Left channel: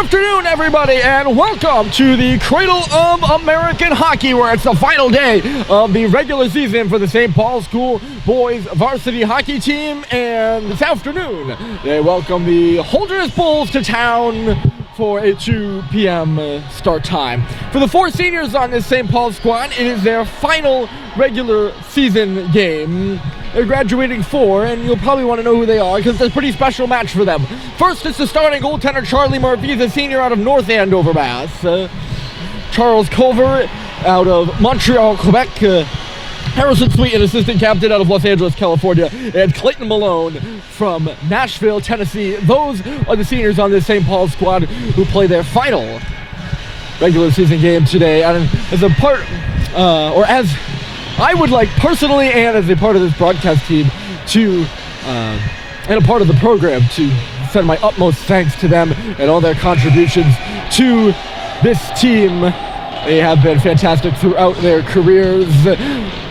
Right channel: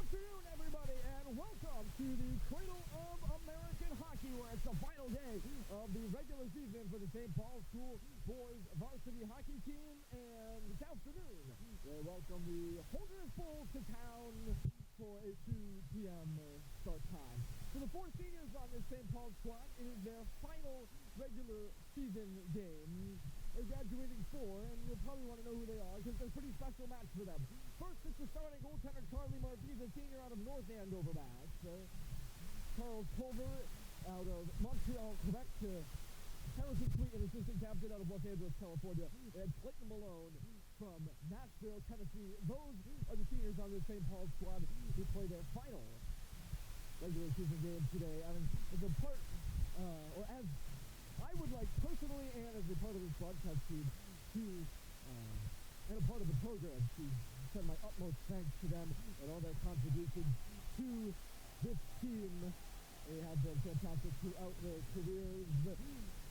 afternoon, everybody, and welcome to the Cradle of American Hockey, where it's the final day of the regular season for the St. Paul School boys varsity hockey team. And this afternoon, they welcome the Holderness Bulls to town for a 2 p.m. start time. For the four seniors on this St. Paul squad, it is their final regular season game. They're graduating four, and you'll probably want to know who they are because it's a pretty special match for them. First, it's the starting goaltender, Charlie Murphy, the senior out of North Andover, Mass. Charles Culver out of Montreal, Quebec. Harrison Sweet, an assistant captain out of Los Angeles, California. And Clayton Malone from Nashville, Tennessee. Those are the seniors on this St. Paul squad who play their final regular season game today. And as a part, as I would like personally and as a part of this broadcast team to, and a part of the program, to send my utmost thanks to them and all their contributions to this team. They have been fantastic throughout their careers.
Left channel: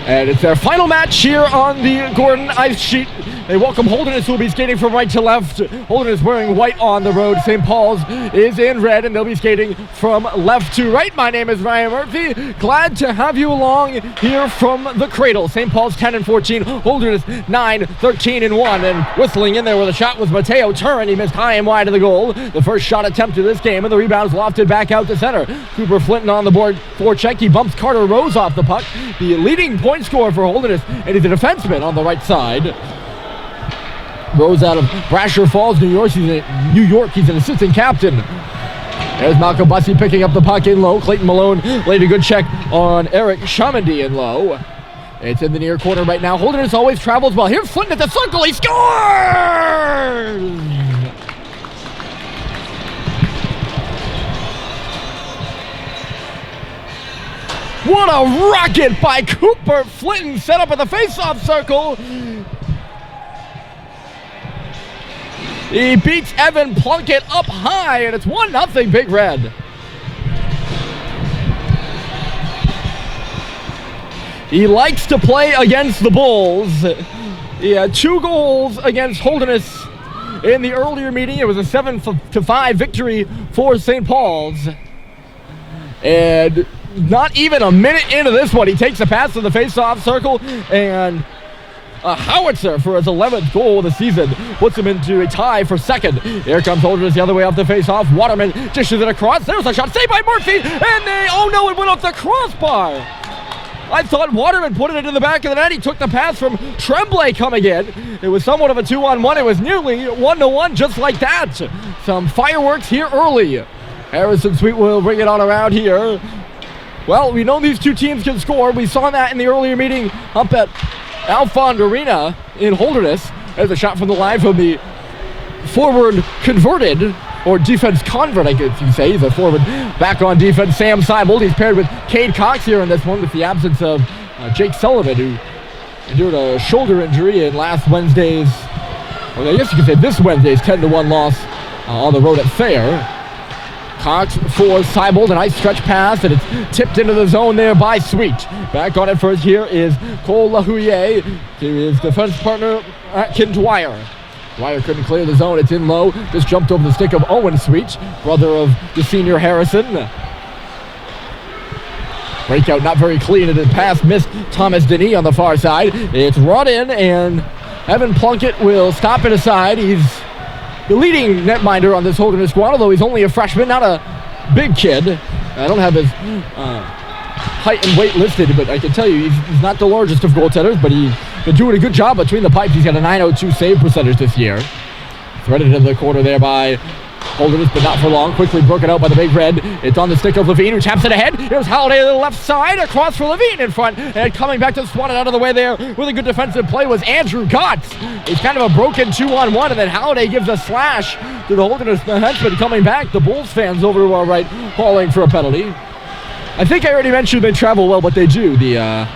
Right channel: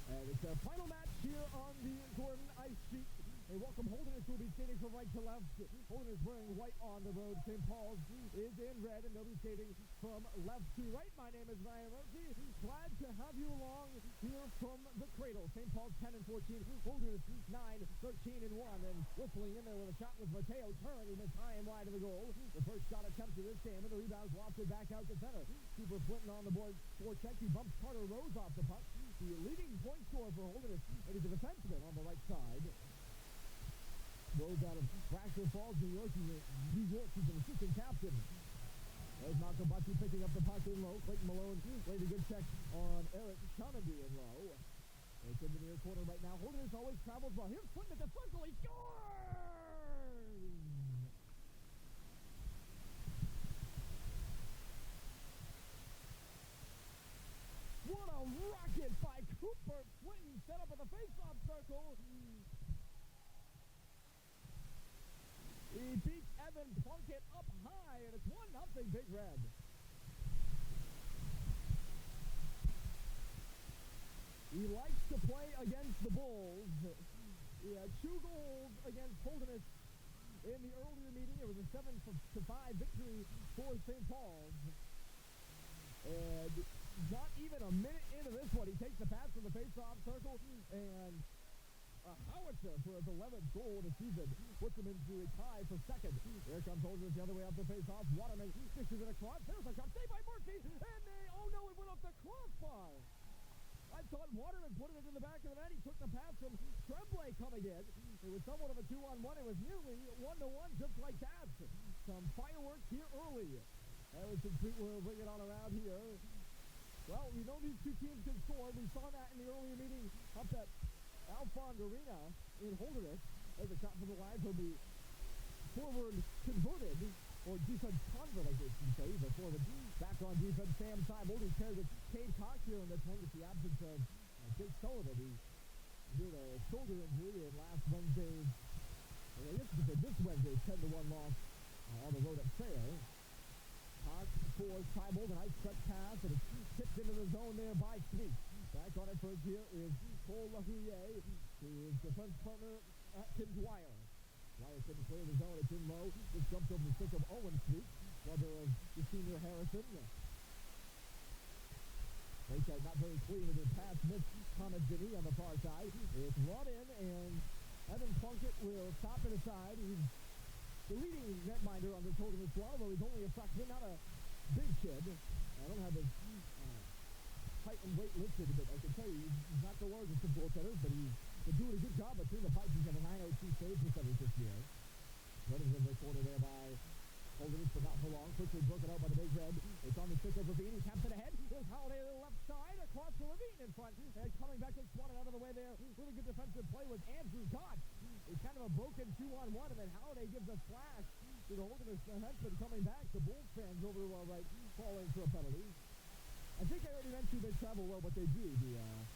And it's their final match here on the Gordon ice sheet. They welcome Holderness, who will be skating from right to left. Holderness wearing white on the road. St. Paul's is in red, and they'll be skating from left to right. My name is Ryan Murphy. Glad to have you along here from the Cradle. St. Paul's 10-14, Holderness 9-13-1. And whistling in there with a shot was Mateo Turin. He missed high and wide of the goal. The first shot attempt of this game, and the rebound's lofted back out to center. Cooper Flinton on the board for check. He bumps Carter Rose off the puck. The leading point scorer for Holderness, and he's a defenseman on the right side. Rose out of Brasher Falls, New York. He's an assistant captain. There's Malcolm Bussey picking up the puck in low. Clayton Malone laid a good check on Eric Chamandy in low. It's in the near corner right now. Holderness always travels well. Here's Flinton at the circle. He scores! What a rocket by Cooper Flinton, set up at the face-off circle. He beats Evan Plunkett up high, and it's 1-0 Big Red. He likes to play against the Bulls. He had 2 goals against Holderness in the earlier meeting. It was a 7-5 victory for St. Paul's. And not even a minute into this one, he takes a pass to the face-off circle, and a howitzer for his 11th goal of the season puts him into a tie for second. Here comes Holderness the other way off the face-off. Waterman dishes it across. There's a shot saved by Murphy, and it went off the crossbar. I thought Waterman put it into the back of the net. He took the pass from Tremblay coming in. It was somewhat of a 2-on-1. It was nearly 1-1 just like that. Some fireworks here early. Harrison Sweet will bring it on around here. Well, we know these two teams can score. We saw that in the earlier meeting up at Alfond Arena in Holderness. There's a shot from the line from the forward converted, or defense convert, I guess you can say. He's a forward back on defense. Sam Seibold. He's paired with Cade Cox here in this one with the absence of Jake Sullivan, who endured a shoulder injury in last Wednesday's, or I guess you could say this Wednesday's 10-1 loss on the road at Thayer. Cox for Seibold, a nice stretch pass, and it's tipped into the zone there by Sweet. Back on it first here is Cole LaHouye to his defense partner, Atkin Dwyer. Dwyer couldn't clear the zone. It's in low. Just jumped over the stick of Owen Sweet, brother of the senior Harrison. Breakout not very clean, and the pass missed Thomas Denis on the far side. It's run in, and Evan Plunkett will stop it aside. He's the leading netminder on this Holderness squad, although he's only a freshman, not a big kid. I don't have his height and weight listed, but I can tell you he's not the largest of goaltenders, but he's been doing a good job between the pipes. He's got a .902 save percentage this year. Threaded into the corner there by Holderness, but not for long. Quickly broken out by the Big Red. It's on the stick of Levine, who taps it ahead. Here's Halliday to the left side, across for Levine in front, and coming back to swat it out of the way there with a good defensive play was Andrew Gotts. It's kind of a broken 2-on-1, and then Halliday gives a slash to the Holderness defenseman coming back. The Bulls fans over to our right calling for a penalty. I think I already mentioned they travel well, but they do, the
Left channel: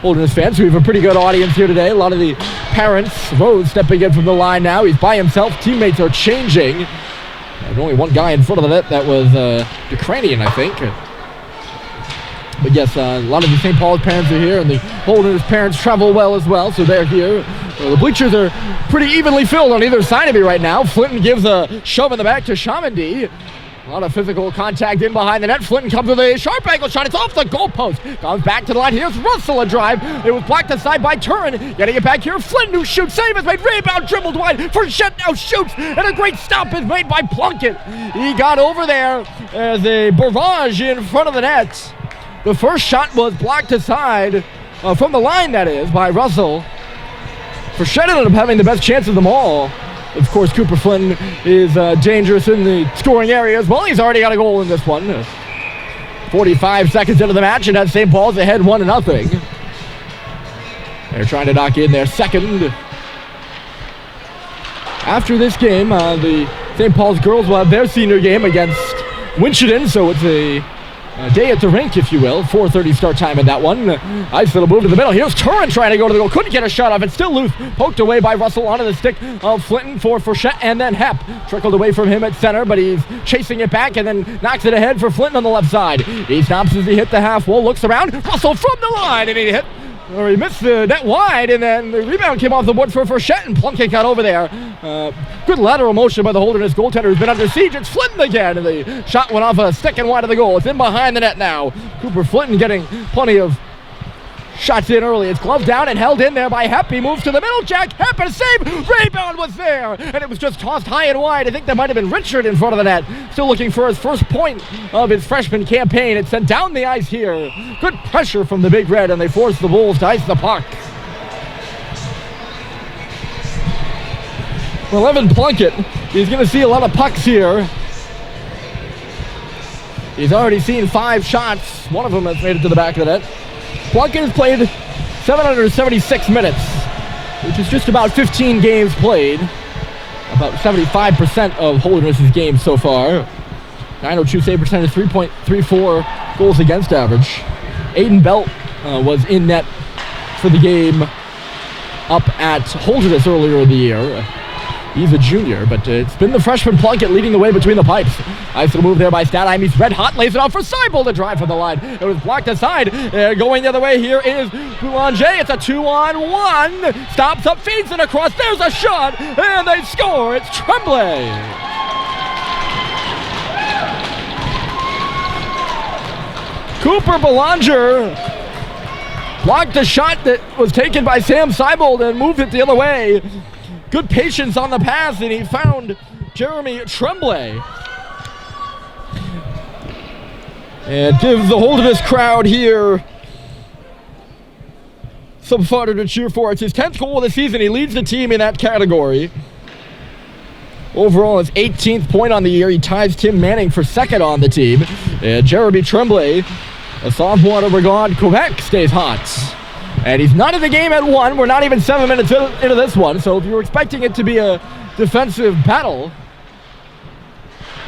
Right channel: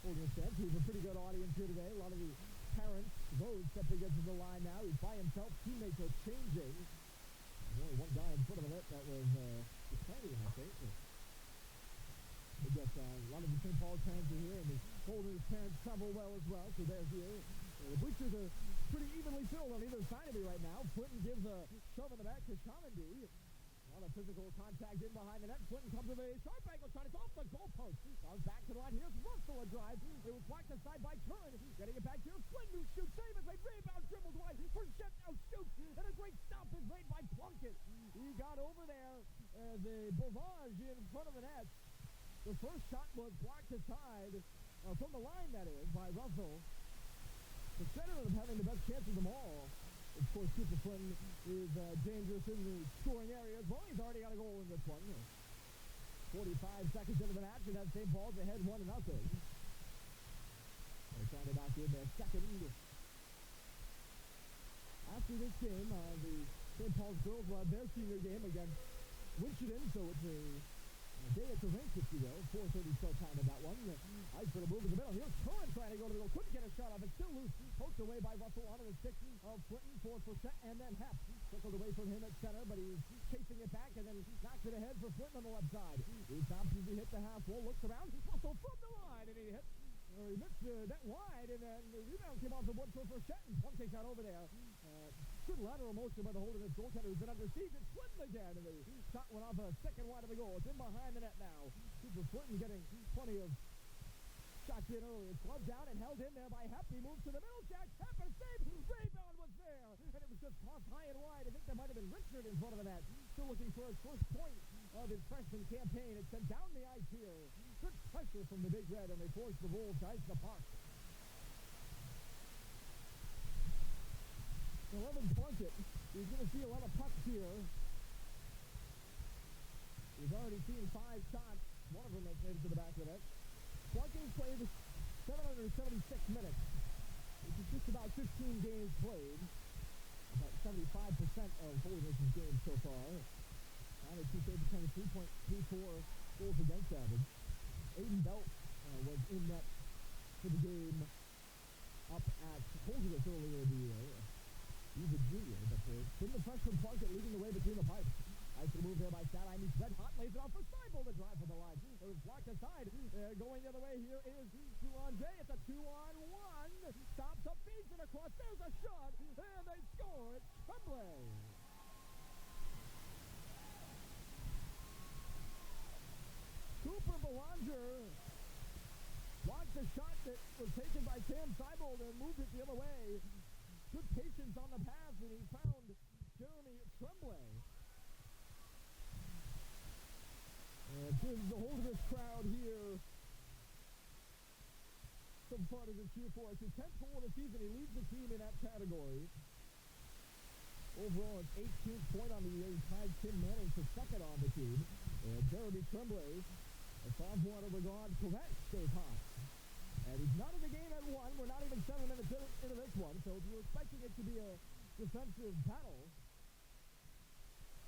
Holderness fans. We have a pretty good audience here today. A lot of the parents. Rose stepping in from the line now. He's by himself. Teammates are changing. There's only one guy in front of the net. That was Ukrainian, I think. But yes, a lot of the St. Paul's parents are here, and the Holderness parents travel well as well, so they're here. The bleachers are pretty evenly filled on either side of me right now. Flinton gives a shove in the back to Chamandy. A lot of physical contact in behind the net. Flinton comes with a sharp angle shot. It's off the goalpost. Comes back to the line. Here's Russell, a drive. It was blocked aside by Turin. Getting it back here. Flinton, who shoots. Save is made. Rebound dribbled wide. Frechette now shoots. And a great stop is made by Plunkett. He got over there as a barrage in front of the net. The first shot was blocked aside from the line, that is, by Russell. Frechette ended up having the best chance of them all. Of course, Cooper Flynn is dangerous in the scoring area as well. He's already got a goal in this one. 45 seconds into the match, and has St. Paul's ahead 1-0. They're trying to knock in their second. After this game, the St. Paul's girls will have their senior game against Winchendon, so it's a day at the rink, if you will. 4:30 start time in that one. Ice will move to the middle. Here's Turin trying to go to the goal. Couldn't get a shot off. It's still loose. Poked away by Russell onto the stick of Flinton for Frechette, and then Hepp. Trickled away from him at center, but he's chasing it back and then knocks it ahead for Flinton on the left side. He stops as he hit the half wall, looks around. Russell from the line, and he missed the net wide, and then the rebound came off the board for Frechette, and Plunkett got over there. Good lateral motion by the Holderness goaltender, who's been under siege. It's Flinton again, and the shot went off a stick and wide of the goal. It's in behind the net now. Cooper Flinton getting plenty of shots in early. It's gloved down and held in there by Hepp. He moves to the middle. Jack Hepp, and a save. Rebound was there, and it was just tossed high and wide. I think that might have been Richard in front of the net. Still looking for his first point of his freshman campaign. It's sent down the ice here. Good pressure from the Big Red, and they force the Bulls to ice the puck. Well, Evan Plunkett, he's going to see a lot of pucks here. He's already seen 5 shots. One of them has made it to the back of the net. Plunkett has played 776 minutes, which is just about 15 games played. About 75% of Holderness' games so far. 902 save percentage, 3.34 goals against average. Aiden Belt was in net for the game up at Holderness earlier in the year. He's a junior, but it's been the freshman Plunkett leading the way between the pipes. Nice little move there by Stadheim. He's red hot, lays it off for Seibel to drive from the line. It was blocked aside. Going the other way here is Boulanger. It's a 2-on-1. Stops up, feeds it across. There's a shot, and they score. It's Tremblay. Cooper Boulanger blocked a shot that was taken by Sam Seibel and moved it the other way. Good patience on the pass, and he found Jeremy Tremblay. And gives the Holderness crowd here some fodder to cheer for. It's his 10th goal of the season. He leads the team in that category. Overall, his 18th point on the year. He ties Tim Manning for second on the team. And Jeremy Tremblay, a sophomore out of Regard, Quebec, stays hot. And he's not in the game at 1. We're not even 7 minutes into this one. So if you were expecting it to be a defensive battle,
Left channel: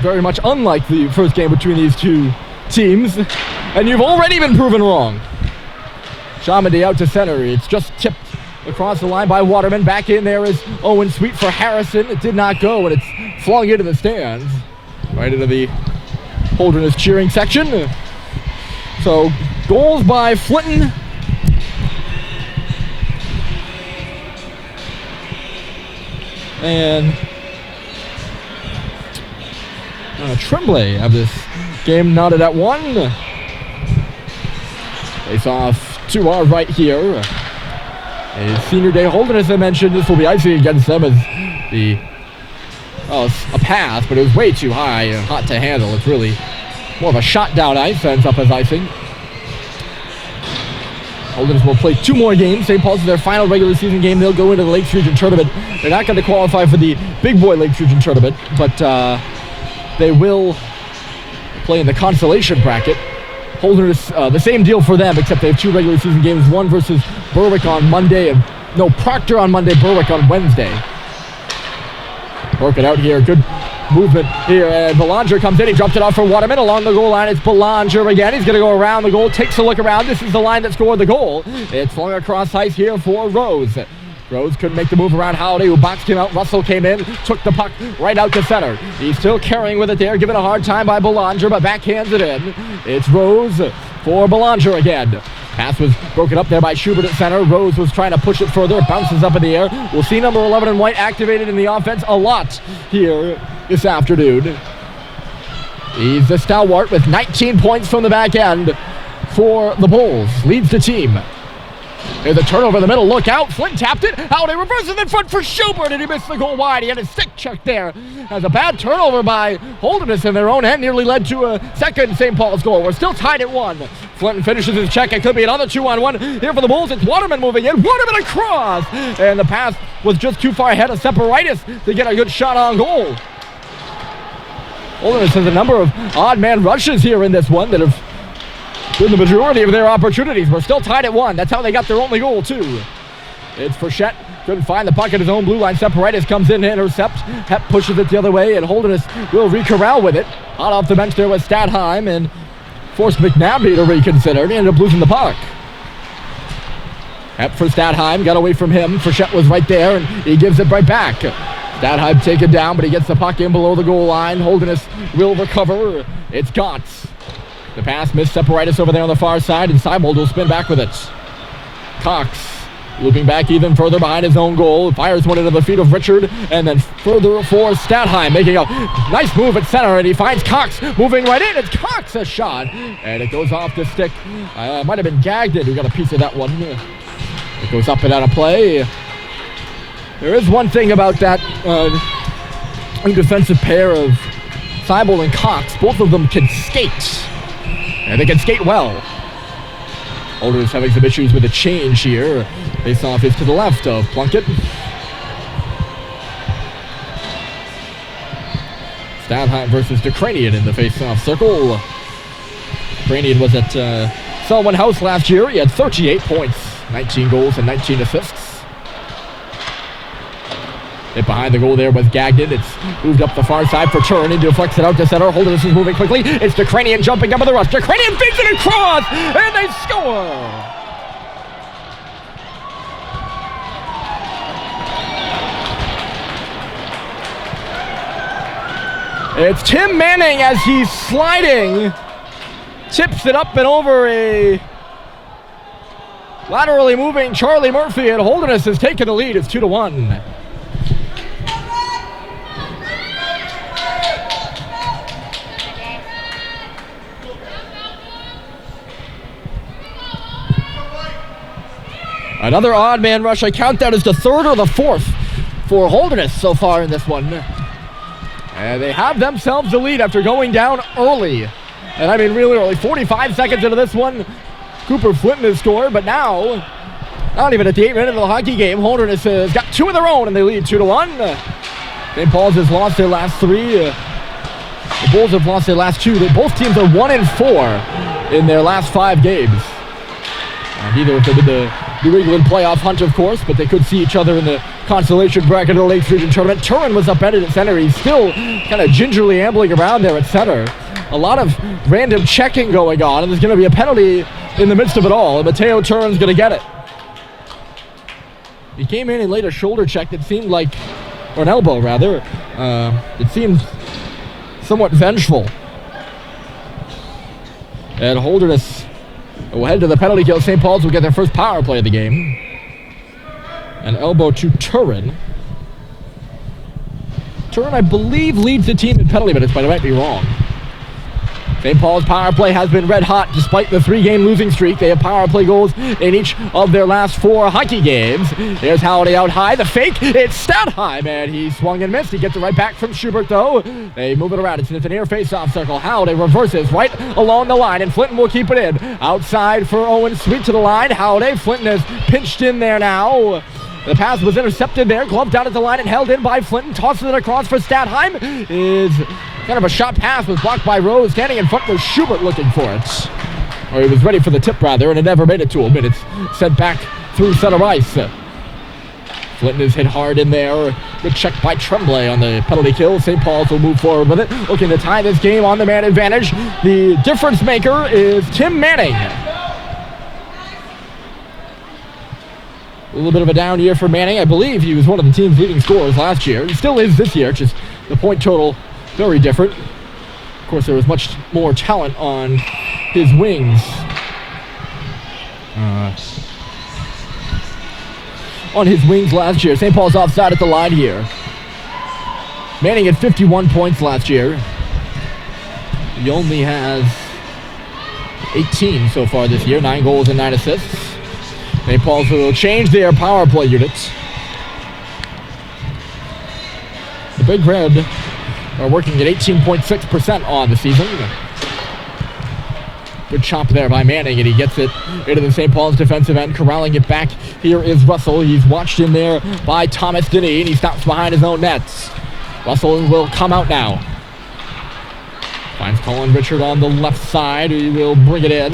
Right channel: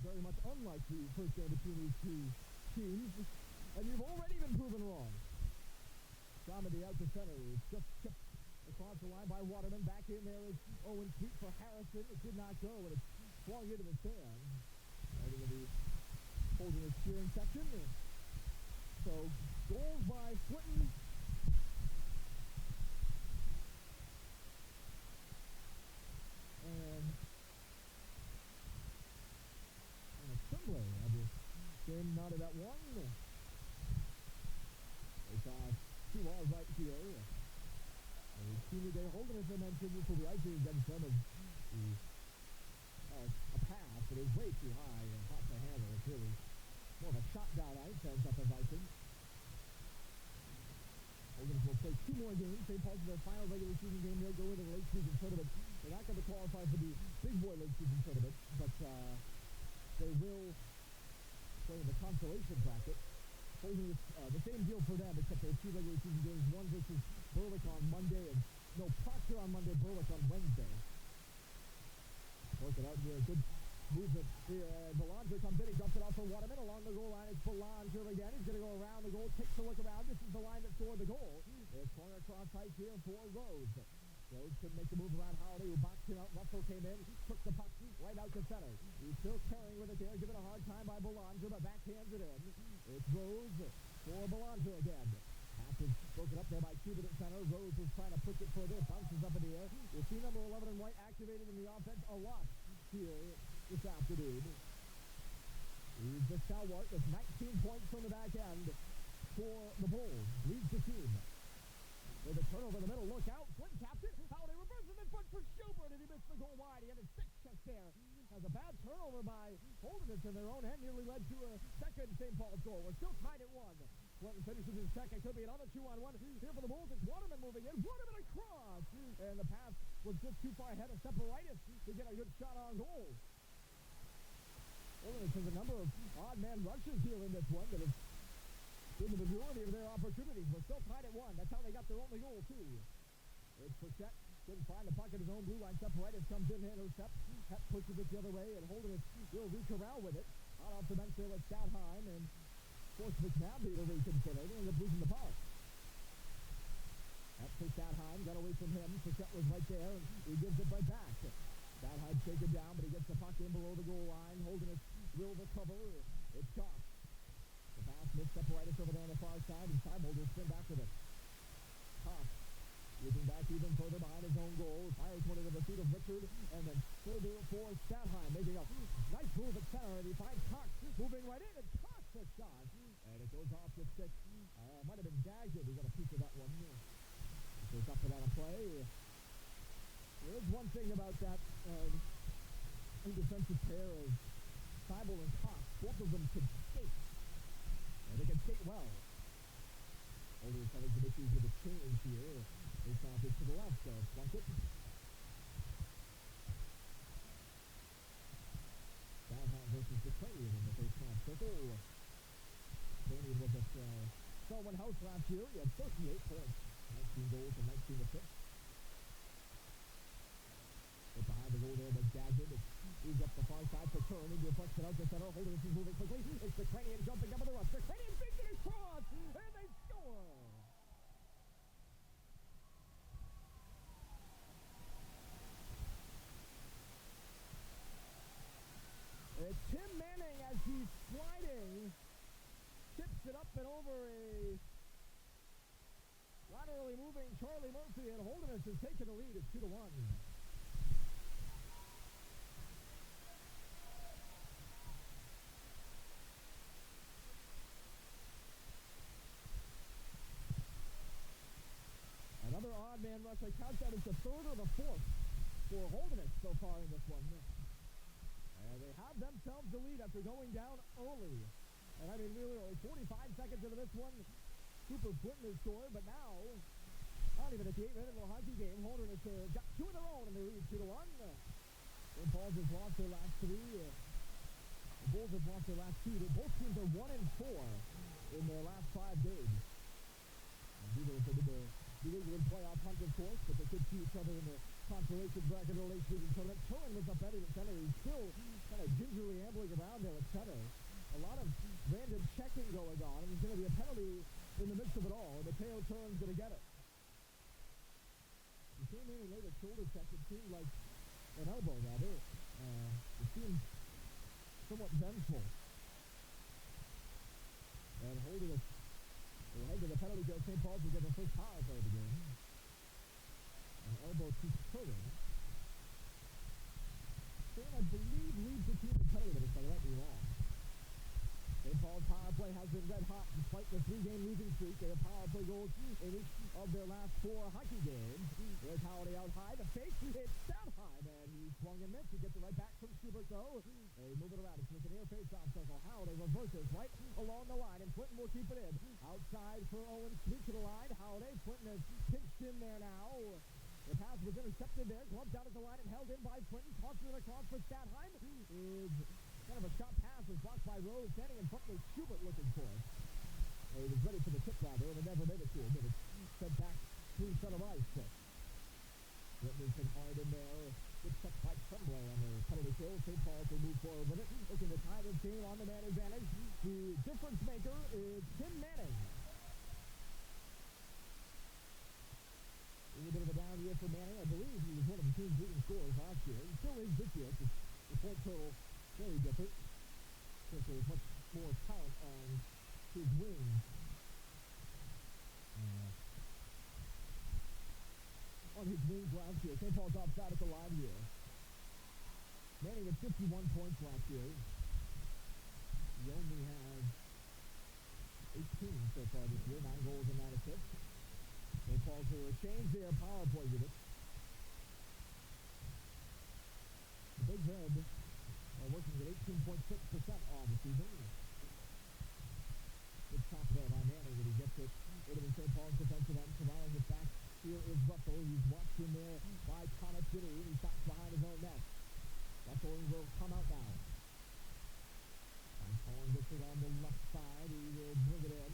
very much unlike the first game between these two teams, and you've already been proven wrong. Shamady out to center. It's just tipped across the line by Waterman. Back in there is Owen Sweet for Harrison. It did not go, and it's flung into the stands. Right into the Holderness cheering section. So goals by Flinton and Tremblay have this game knotted at 1. Face off to our right here. A senior day Holderness, I mentioned. This will be icing against them as a pass, but it was way too high and hot to handle. It's really more of a shot down ice, ends up as icing. Holderness will play 2 more games. St. Paul's is their final regular season game. They'll go into the Lakes Region Tournament. They're not going to qualify for the Big Boy Lakes Region Tournament, but they will play in the consolation bracket. Holderness, the same deal for them, except they have 2 regular season games. One versus Berwick on Monday, and Proctor on Monday, Berwick on Wednesday. Work it out here. Good movement here, and Belanger comes in. He drops it off for Waterman along the goal line. It's Belanger again. He's going to go around the goal, takes a look around. This is the line that scored the goal. It's flung across ice here for Rose. Rose couldn't make the move around Holiday, who boxed him out. Russell came in, took the puck right out to center. He's still carrying with it there, given a hard time by Belanger, but backhands it in. It's Rose for Belanger again. Pass was broken up there by Schubert at center. Rose was trying to push it further. It bounces up in the air. We'll see number 11 in white activated in the offense a lot here this afternoon. He's the stalwart with 19 points from the back end for the Bulls. Leads the team. There's a turnover in the middle. Look out. Flint tapped it. Holiday reverses in front for Schubert, and he missed the goal wide. He had his stick check there. As a bad turnover by Holderness in their own end nearly led to a second St. Paul's goal. We're still tied at 1. Flint finishes his check. It could be another 2-on-1 here for the Bulls. It's Waterman moving in. Waterman across. And the pass was just too far ahead of Separitis to get a good shot on goal. Holderness has a number of odd man rushes here in this one that have been the majority of their opportunities. We're still tied at 1. That's how they got their only goal, too. It's Frechette. Couldn't find the puck at his own blue line. Separitis comes in to intercept. Hep pushes it the other way, and Holderness will re-corral with it. Hot off the bench there was Stadheim, and forced McNabney to reconsider. He ended up losing the puck. Hep for Stadheim. Got away from him. Frechette was right there, and he gives it right back. Stadheim taken down, but he gets the puck in below the goal line. Holderness will recover. It's Gotts. The pass missed Separitis over there on the far side, and Seibold will spin back with it. Cox looping back even further behind his own goal. Fires one into the feet of Richard, and then further for Stadheim, making a nice move at center, and he finds Cox moving right in. It's Cox, a shot, and it goes off the stick. Might have been Gagnon who got a piece of that one. It goes up and out of play. There is one thing about that defensive pair of Seibold and Cox. Both of them can skate. And they can skate well. Holderness having some issues with the change here. Face-off is to the left of Plunkett. Stadheim versus DeCranian in the face-off circle. DeCranian was at Selwyn House last year. He had 38 points, 19 goals, and 19 assists. Hit behind the goal there was Gagnon. It's moved up the far side for Turin. He deflects it out to center. Holderness is moving quickly. It's DeCranian jumping up with the rush. DeCranian feeds it across, and they score! It's Tim Manning as he's sliding. Tips it up and over a laterally moving Charlie Murphy, and Holderness has taken the lead. It's 2-1. Another odd man rush. I count that as the third or the fourth for Holderness so far in this one. And they have themselves the lead after going down early. And I mean really early. 45 seconds into this one, Cooper Flint has scored, but now, not even at the 8 minute of the hockey game, Holderness has got 2 of their own and they lead 2-1. St. Paul's has lost their last 3. The Bulls have lost their last 2. Both teams are 1-4 in their last 5 games. Neither of them in the New England playoff hunt, of course, but they could see each other in the consolation bracket of the Lakes Region Tournament. Turin was upended at center. He's still kind of gingerly ambling around there at center. A lot of random checking going on, and there's going to be a penalty in the midst of it all, and Mateo Turin's going to get it. He came in and laid a shoulder check that seemed like, or an elbow rather, it seemed somewhat vengeful. And Holderness will head to the penalty kill. St. Paul's will get their first power play of the game. An elbow to Turin. Turin, I believe, leads the team in penalty minutes, but I might be wrong. St. Paul's power play has been red hot despite the 3-game losing streak. They have power play goals in each of their last 4 hockey games. Here's Holiday out high. The fake, it's Stadheim, and he swung and missed. He gets it right back from Schubert, though. They move it around. It's an air face-off circle. Holiday reverses right along the line, and Flinton will keep it in. Outside for Owen, sweet to the line. Holiday, Flinton has pinched in there now. The pass was intercepted there, gloved down at the line and held in by Flinton. Tosses it across for Stadheim. Is kind of a shot pass, was blocked by Rose. Standing in front was Schubert looking for it. Or he was ready for the tip, rather, and it never made it to him. And it's sent back through center ice. Flinton is hit hard in there. Good check by Tremblay on the penalty kill. St. Paul's will move forward with it, looking to tie this game on the man advantage. The difference maker is Tim Manning. A little bit of a down year for Manning. I believe he was one of the team's leading scorers last year. He still is this year, just the point total very different. Of course, there was much more talent on his wings. On his wings last year. St. Paul's offside at the line here. Manning had 51 points last year. He only has 18 so far this year, 9 goals and 9 assists. St. Paul's will change their power play units. The Big Red are working at 18.6% on the season. Good chop there by Manning, and he gets it into the St. Paul's defensive end, corralling it back. Here is Russell. He's watched in there by Thomas Denny, and he stops behind his own nets. Russell will come out now. Finds Colin Richard on the left side. He will bring it in.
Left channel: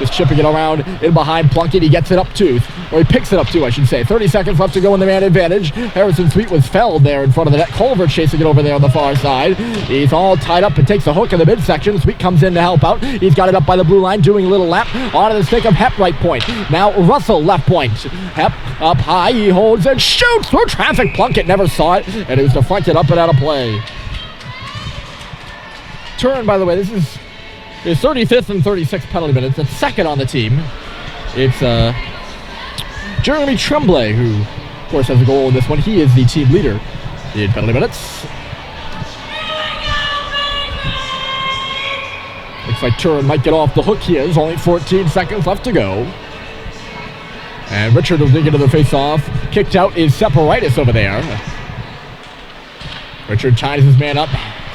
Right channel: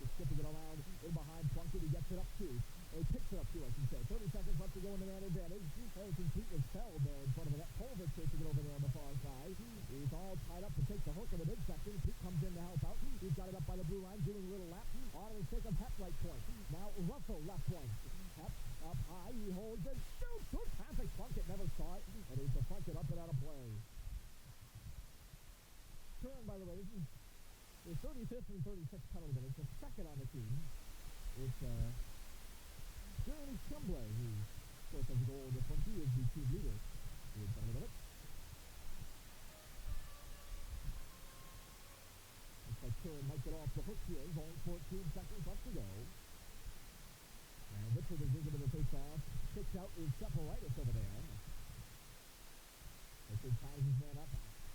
Just chipping it around in behind Plunkett. He gets it up two. Or he picks it up two, I should say. 30 seconds left to go in the man advantage. Harrison Sweet was felled there in front of the net. Culver chasing it over there on the far side. He's all tied up and takes a hook in the midsection. Sweet comes in to help out. He's got it up by the blue line, doing a little lap onto the stick of Hep right point. Now Russell left point. Hep up high. He holds and shoots through traffic. Plunkett never saw it, and it was deflected up and out of play. Turn, by the way, this is his 35th and 36th penalty minutes. That's second on the team. It's Jeremy Tremblay, who, of course, has a goal in this one. He is the team leader in penalty minutes. Looks like Turin might get off the hook. He is. Only 14 seconds left to go. And Richard will dig into the face-off. Kicked out is Separitis over there. Richard ties his man up.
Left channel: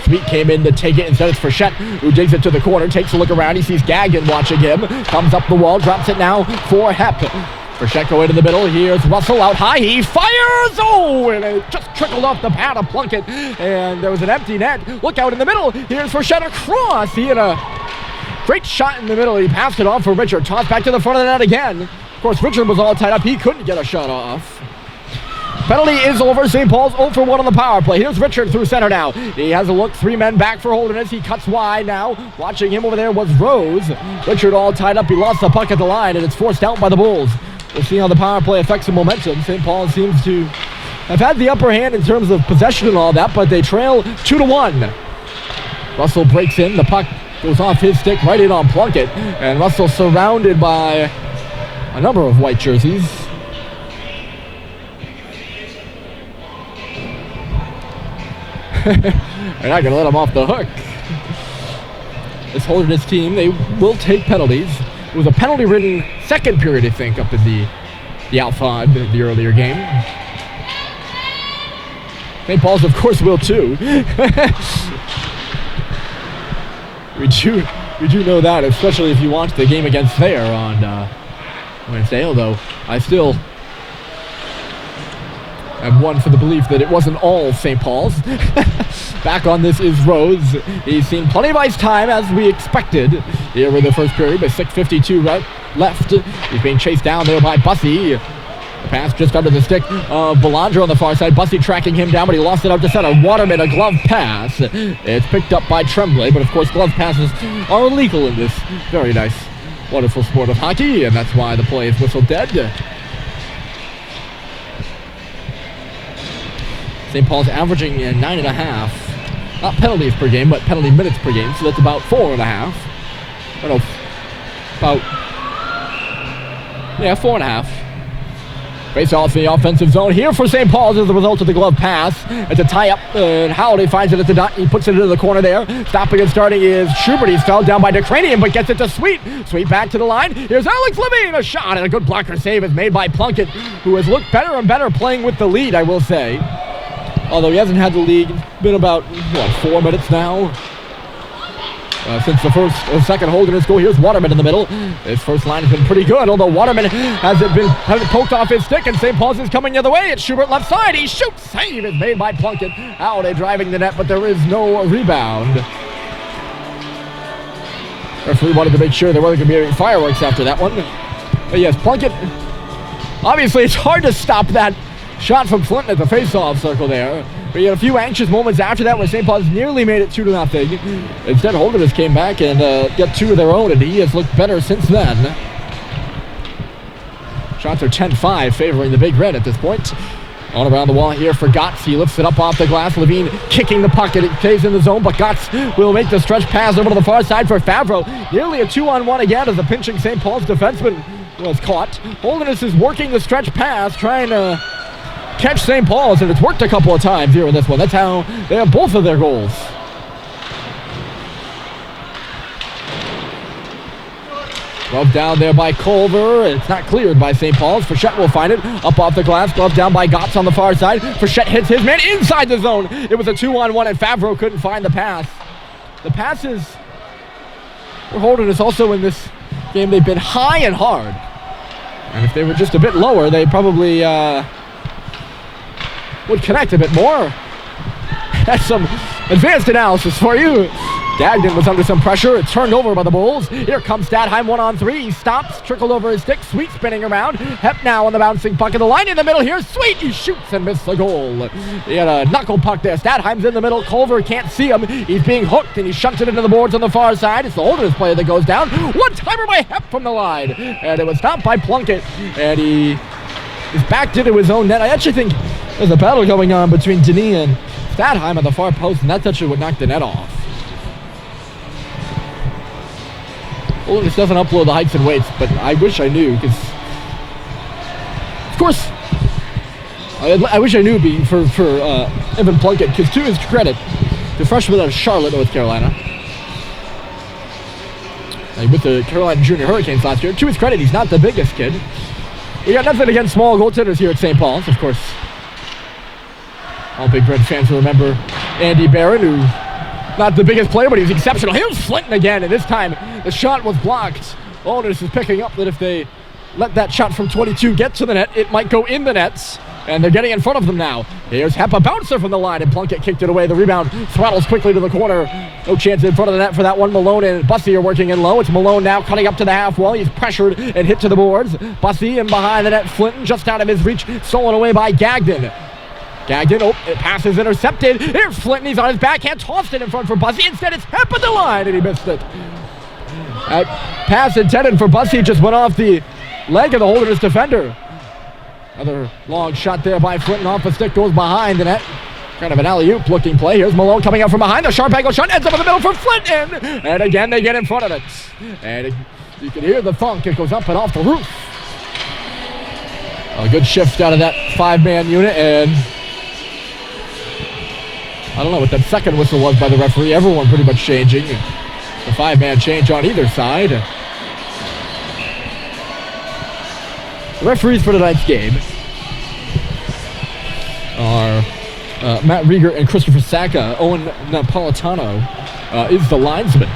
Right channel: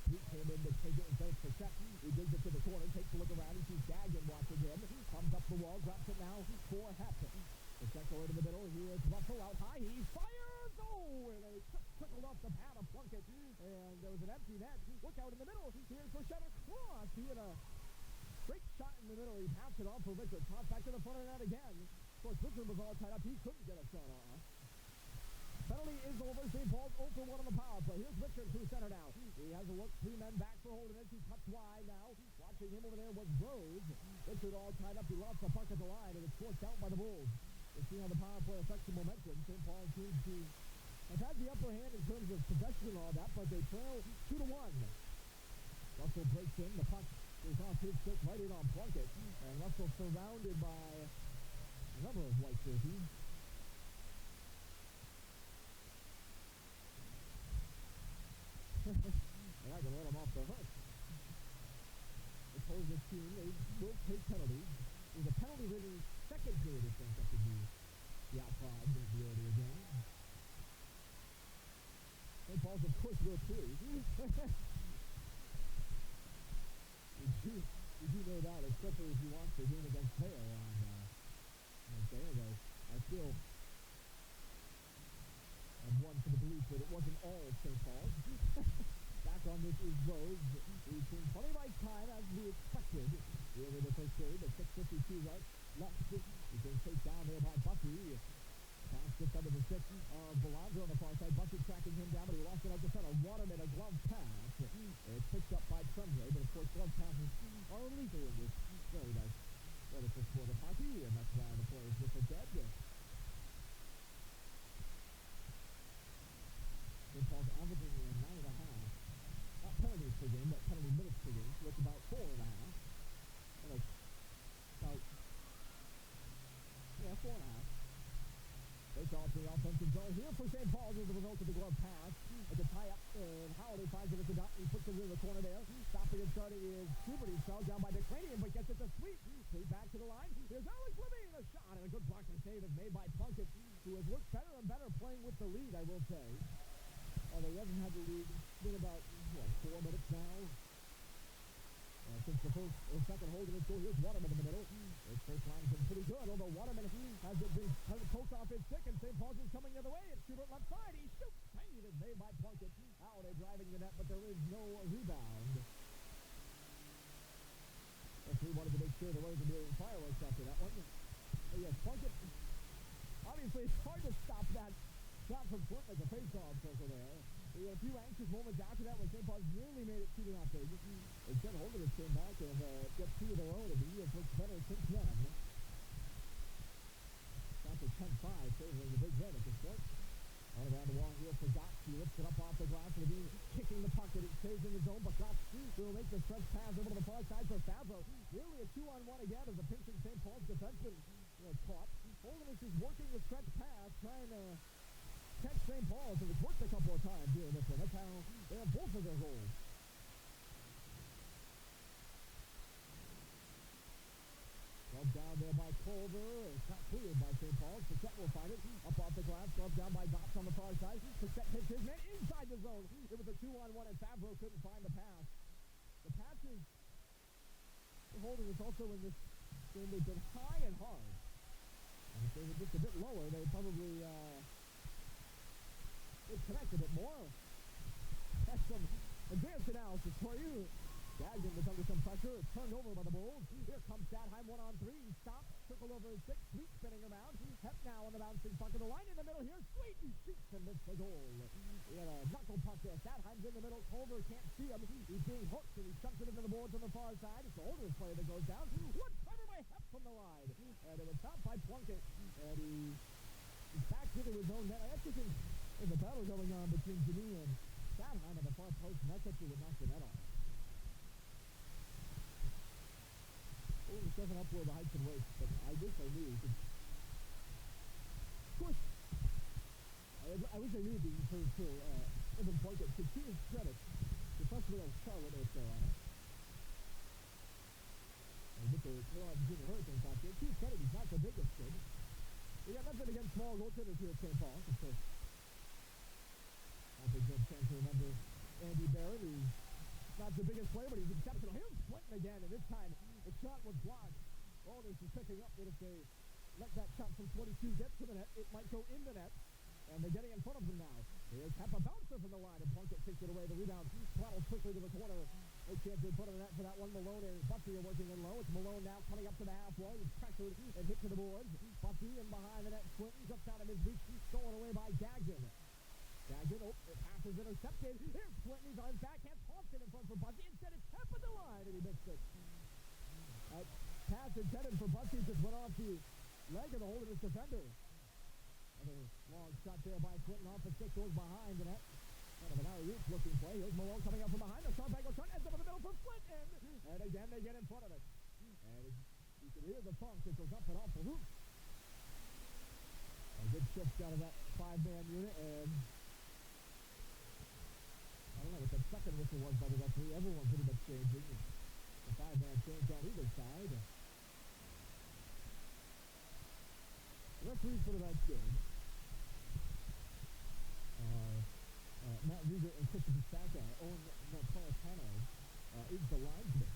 Sweet came in to take it. Instead, it's Frechette who digs it to the corner, takes a look around. He sees Gagnon watching him. Comes up the wall, drops it now for Hep. Frechette go into the middle. Here's Russell out high. He fires! Oh, and it just trickled off the pad of Plunkett. And there was an empty net. Look out in the middle. Here's Frechette across. He had a great shot in the middle. He passed it off for Richard. Tossed back to the front of the net again. Of course, Richard was all tied up. He couldn't get a shot off. Penalty is over. St. Paul's 0 for 1 on the power play. Here's Richard through center now. He has a look. 3 men back for Holderness. He cuts wide now. Watching him over there was Rose. Richard all tied up. He lost the puck at the line, and it's forced out by the Bulls. We'll see how the power play affects the momentum. St. Paul seems to have had the upper hand in terms of possession and all that, but they trail 2-1. Russell breaks in. The puck goes off his stick right in on Plunkett, and Russell surrounded by a number of white jerseys. They're not going to let him off the hook. This Holderness team, they will take penalties. It was a penalty-ridden second period, I think, up in the Alpha in the earlier game. St. Paul's, of course, will too. We do know that, especially if you watch the game against Thayer on Wednesday, although I still am one for the belief that it wasn't all St. Paul's. Back on this is Rose. He's seen plenty of ice time, as we expected, here in the first period, with 6:52 left. He's being chased down there by Bussey. The pass just under the stick of Belanger on the far side. Bussey tracking him down, but he lost it out to center. Waterman, a glove pass. It's picked up by Tremblay, but of course glove passes are illegal in this very nice, wonderful sport of hockey, and that's why the play is whistled dead. St. Paul's averaging 9.5, not penalties per game, but penalty minutes per game, so that's about 4.5. I don't know, about, 4.5. Face off the offensive zone here for St. Paul's as a result of the glove pass. It's a tie-up, and Howley finds it at the dot. He puts it into the corner there. Stopping and starting is Schubert. He's fell down by DeCranian, but gets it to Sweet. Sweet back to the line. Here's Alex Levine. A shot, and a good blocker save is made by Plunkett, who has looked better and better playing with the lead, I will say. Although he hasn't had the lead, it's been about, 4 minutes now since the second Holderness goal. Here's Waterman in the middle. His first line has been pretty good, although Waterman hasn't poked off his stick, and St. Paul's is coming the other way. It's Schubert left side. He shoots. Save is made by Plunkett. Out and driving the net, but there is no rebound. Referee wanted to make sure there wasn't going to be any fireworks after that one. But yes, Plunkett, obviously it's hard to stop that shot from Flint at the face-off circle there. But he had a few anxious moments after that when St. Paul's nearly made it 2-0. Instead, Holderness came back and got 2 of their own, and he has looked better since then. Shots are 10-5, favoring the Big Red at this point. On around the wall here for Gotts. He lifts it up off the glass. Levine kicking the puck, and it stays in the zone, but Gotts will make the stretch pass over to the far side for Favreau. Nearly a 2-on-1 again as the pinching St. Paul's defenseman was caught. Holderness is working the stretch pass, trying to catch St. Paul's, and it's worked a couple of times here in this one. That's how they have both of their goals. Glove down there by Culver. It's not cleared by St. Paul's. Frechette will find it. Up off the glass. Glove down by Gotts on the far side. Frechette hits his man inside the zone. It was a 2-on-1, and Favreau couldn't find the pass. The passes for Holderness also in this game, they've been high and hard. And if they were just a bit lower, they probably would connect a bit more. That's some advanced analysis for you. Gagnon was under some pressure. It's turned over by the Bulls. Here comes Stadheim 1-on-3. He stops, trickled over his stick. Sweet spinning around. Hep now on the bouncing puck. The line in the middle here. Sweet, he shoots and misses the goal. He had a knuckle puck there. Stadheim's in the middle. Culver can't see him. He's being hooked, and he shunts it into the boards on the far side. It's the Holderness player that goes down. One-timer by Hep from the line. And it was stopped by Plunkett. And he is backed into his own net. I actually think there's a battle going on between Denis and Stadheim on the far post, and that's actually what knocked the net off. Holderness doesn't upload the heights and weights, but I wish I knew, because, of course, I wish I knew for Evan Plunkett, because to his credit, the freshman out of Charlotte, North Carolina, with the Carolina Junior Hurricanes last year, to his credit, he's not the biggest kid. We got nothing against small goaltenders here at St. Paul's, of course. All Big Red fans will remember Andy Barron, who not the biggest player, but he was exceptional. Here's Flinton again, and this time the shot was blocked. Holderness is picking up that if they let that shot from 22 get to the net, it might go in the nets, and they're getting in front of them now. Here's Hep, a bouncer from the line, and Plunkett kicked it away. The rebound throttles quickly to the corner. No chance in front of the net for that one. Malone and Bussey are working in low. It's Malone now cutting up to the half wall. He's pressured and hit to the boards. Bussey in behind the net. Flinton just out of his reach, stolen away by Gagnon. Gagnon, it passes intercepted. Here's Flinton, he's on his backhand, tossed it in front for Bussey. Instead, it's Hep at the line, and he missed it. That pass intended for Bussey just went off the leg of the Holderness defender. Another long shot there by Flinton off the stick, goes behind the net. Kind of an alley-oop looking play. Here's Malone coming up from behind. The sharp angle shot ends up in the middle for Flinton. And again, they get in front of it. And you can hear the thunk. It goes up and off the roof. A good shift out of that five-man unit, and I don't know what that second whistle was by the referee. Everyone pretty much changing. The five-man change on either side. The referees for tonight's game are Matt Rieger and Christopher Sacca. Owen Napolitano is the linesman.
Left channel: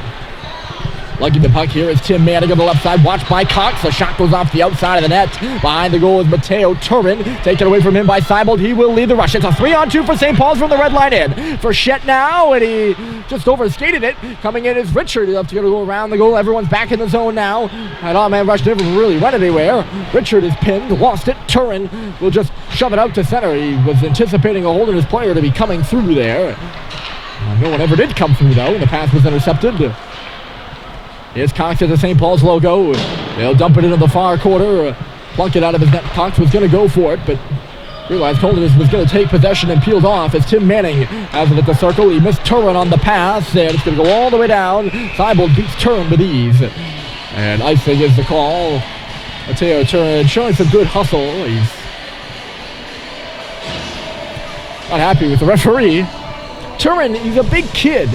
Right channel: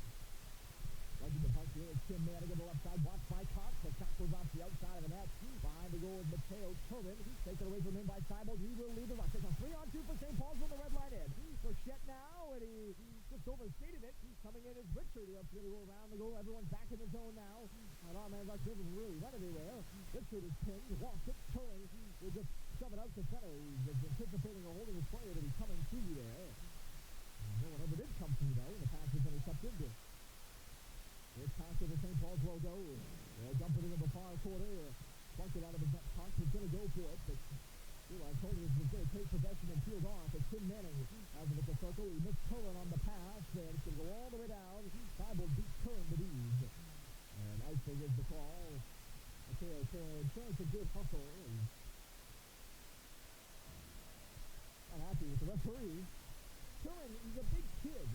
Lugging the puck here is Tim Manning on the left side, watched by Cox. The shot goes off the outside of the net. Behind the goal is Mateo Turin. Taken away from him by Seibold. He will lead the rush. It's a 3-on-2 for St. Paul's from the red line in. Frechette now, and he just overskated it. Coming in is Richard. He'll have to go around the goal. Everyone's back in the zone now. That all-man rush never really went anywhere. Richard is pinned, lost it. Turin will just shove it out to center. He was anticipating a Holderness player to be coming through there. No one ever did come through, though, and the pass was intercepted. Here's Cox at the St. Paul's logo. They'll dump it into the far corner. Plunk it out of his net. Cox was going to go for it, but realized Holderness was going to take possession and peeled off as Tim Manning has it at the circle. He missed Turin on the pass, and it's going to go all the way down. Seibold beats Turin with ease. And icing is the call. Mateo Turin showing some good hustle. He's not happy with the referee. Turin, he's a big kid.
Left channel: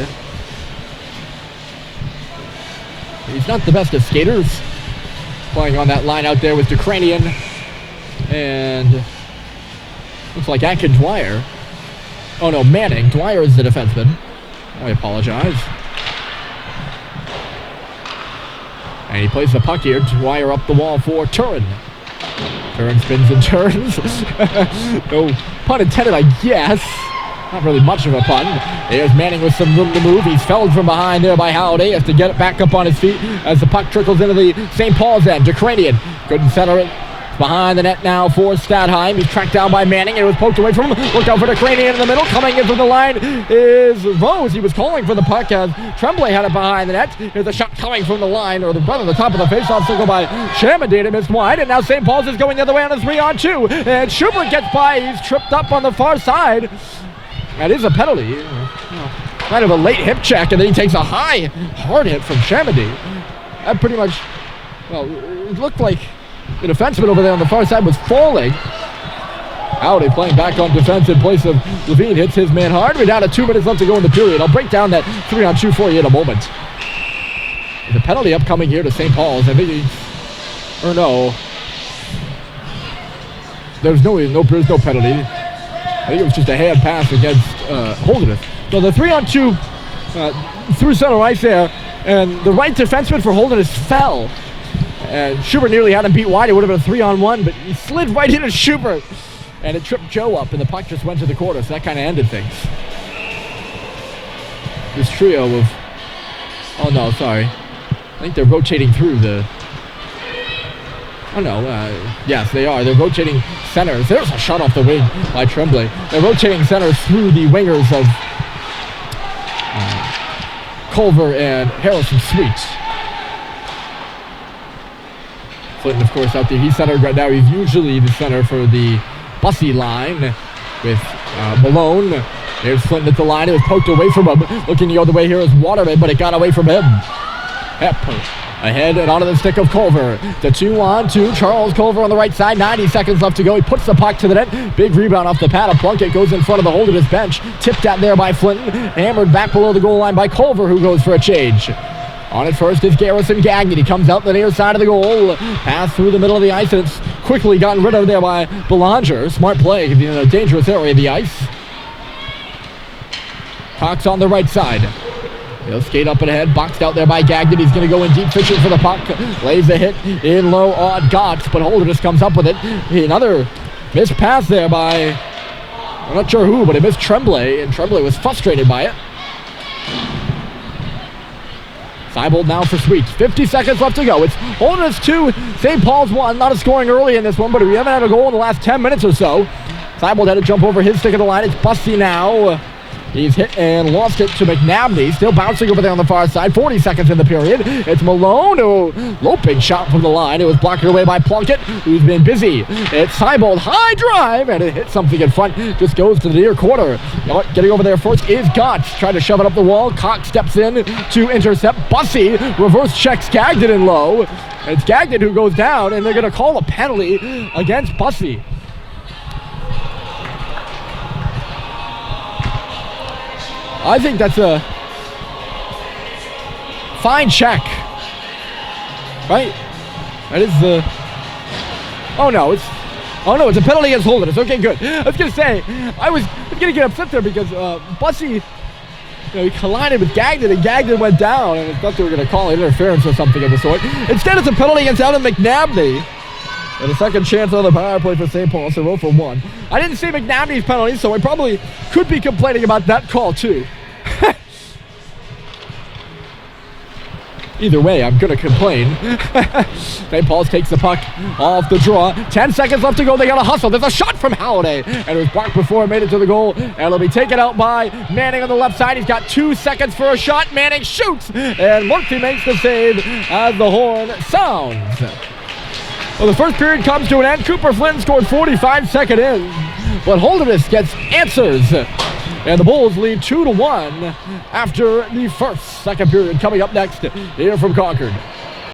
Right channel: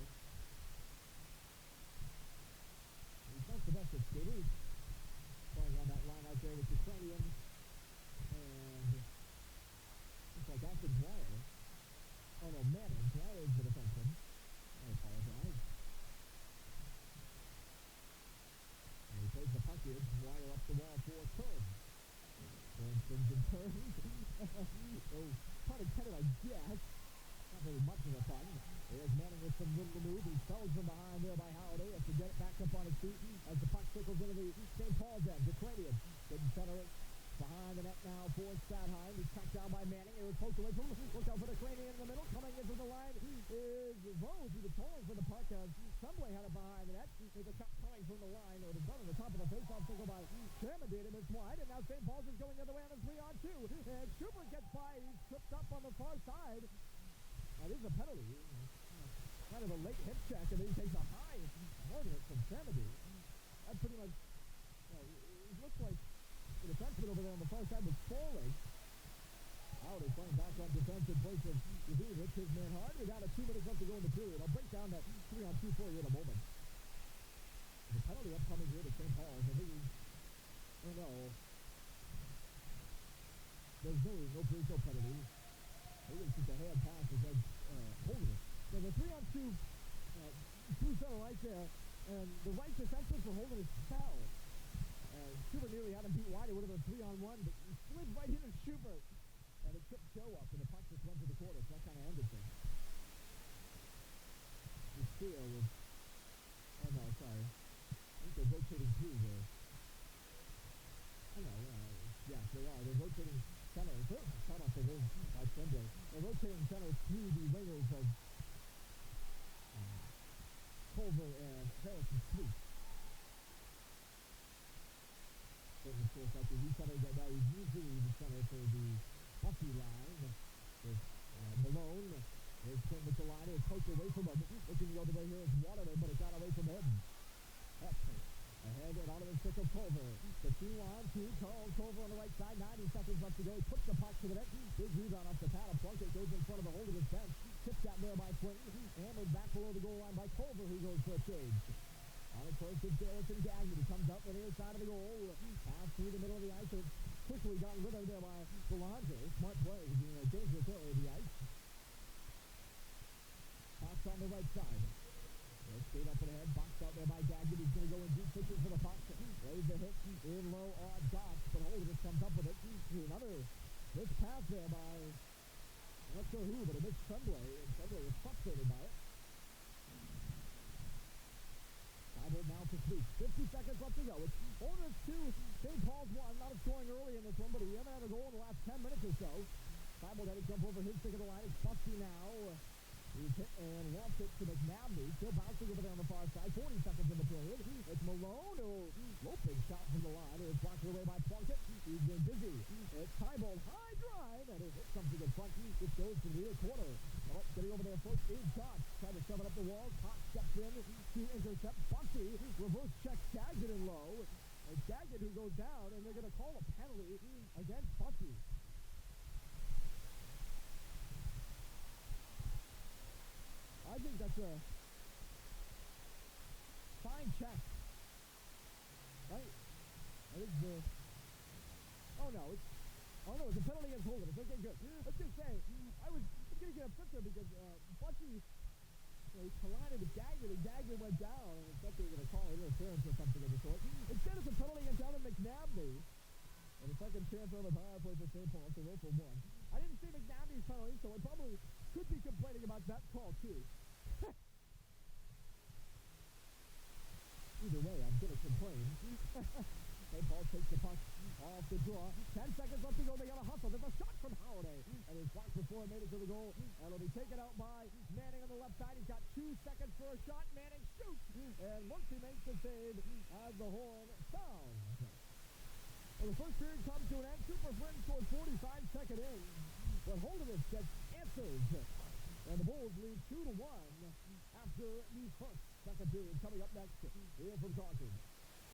He's not the best of skaters. Playing on that line out there with Ukrainian and looks like Atkin Dwyer. Oh no, Manning. Dwyer is the defenseman. I apologize. And he plays the puck here. Dwyer up the wall for Turin. Turin spins and turns. No pun intended, I guess. Not really much of a pun. Here's Manning with some room to move. He's felled from behind there by Halliday. Has to get it back up on his feet as the puck trickles into the St. Paul's end. Ukrainian couldn't center it. Behind the net now for Stadheim. He's tracked down by Manning. It was poked away from him. Look out for Ukrainian in the middle. Coming in from the line is Rose. He was calling for the puck as Tremblay had it behind the net. Here's a shot coming from the line, or the run on the top of the faceoff circle by Chamadine. It missed wide, and now St. Paul's is going the other way on a 3-on-2. And Schubert gets by. He's tripped up on the far side. That is a penalty. Kind of a late hip check, and then he takes a high, hard hit from Chamadine. That pretty much, well, it looked like the defenseman over there on the far side was falling. Howdy playing back on defense in place of Levine. Hits his man hard. We're down to 2 minutes left to go in the period. I'll break down that 3-on-2 for you in a moment. The penalty upcoming here to St. Paul's. I think or no. There's no penalty. I think it was just a hand pass against Holderness. So the 3-on-2 through center ice there, and the right defenseman for Holderness fell. And Schubert nearly had him beat wide. It would have been a 3-on-1, but he slid right into Schubert. And it tripped Joe up, and the puck just went to the corner, so that kind of ended things. This trio of... Oh, no, sorry. I think they're rotating through the... Oh, no. Yes, they are. They're rotating centers. There's a shot off the wing by Tremblay. They're rotating centers through the wingers of Culver and Harrison Sweet. Clinton, of course, out there. He's centered right now. He's usually the center for the Bussy line with Malone. There's Clinton at the line. It was poked away from him. Looking the other way here is Waterman, but it got away from him. Pepper ahead and onto the stick of Culver. The 2-on-2. Charles Culver on the right side. 90 seconds left to go. He puts the puck to the net. Big rebound off the pad of Plunkett. Goes in front of the Holderness bench. Tipped out there by Flinton. Hammered back below the goal line by Culver, who goes for a change. On it first is Garrison Gagnon. He comes out the near side of the goal. Pass through the middle of the ice, and it's quickly gotten rid of there by Belanger. Smart play in a dangerous area of the ice. Cox on the right side. He'll skate up and ahead, boxed out there by Gagnon. He's going to go in deep, fishing for the puck. Lays a hit in low on Gotts, but Holderness comes up with it. Another missed pass there by, I'm not sure who, but it missed Tremblay, and Tremblay was frustrated by it. Seibold now for Sweet. 50 seconds left to go. It's Holderness 2, St. Paul's 1. Not a scoring early in this one, but we haven't had a goal in the last 10 minutes or so. Seibold had to jump over his stick of the line. It's Bussy now. He's hit and lost it to McNabney. Still bouncing over there on the far side. 40 seconds in the period. It's Malone. Oh, loping shot from the line. It was blocked away by Plunkett, who's been busy. It's Seibold. High drive, and it hits something in front. Just goes to the near corner. Getting over there first is Gotts. Trying to shove it up the wall. Cox steps in to intercept. Bussy reverse checks Gagnon in low. It's Gagnon who goes down, and they're going to call a penalty against Bussy. I think that's a fine check, right? That is the. Oh no, it's a penalty against Holderness. Okay, good. I was gonna say I was gonna get upset there because Bussy, he collided with Gagnon and Gagnon went down, and I thought they were gonna call interference or something of the sort. Instead, it's a penalty against Alan McNabney. And a second chance on the power play for St. Paul, so 0 for 1. I didn't see McNabney's penalty, so I probably could be complaining about that call too. Either way, I'm going to complain. St. Paul's takes the puck off the draw. 10 seconds left to go. They got to hustle. There's a shot from Halliday. And it was blocked before it made it to the goal. And it'll be taken out by Manning on the left side. He's got 2 seconds for a shot. Manning shoots. And Murphy makes the save as the horn sounds. Well, the first period comes to an end. Cooper Flynn scored 45 seconds in, but Holderness gets answers. And the Bulls lead 2-1 after the second period. Coming up next here from Concord.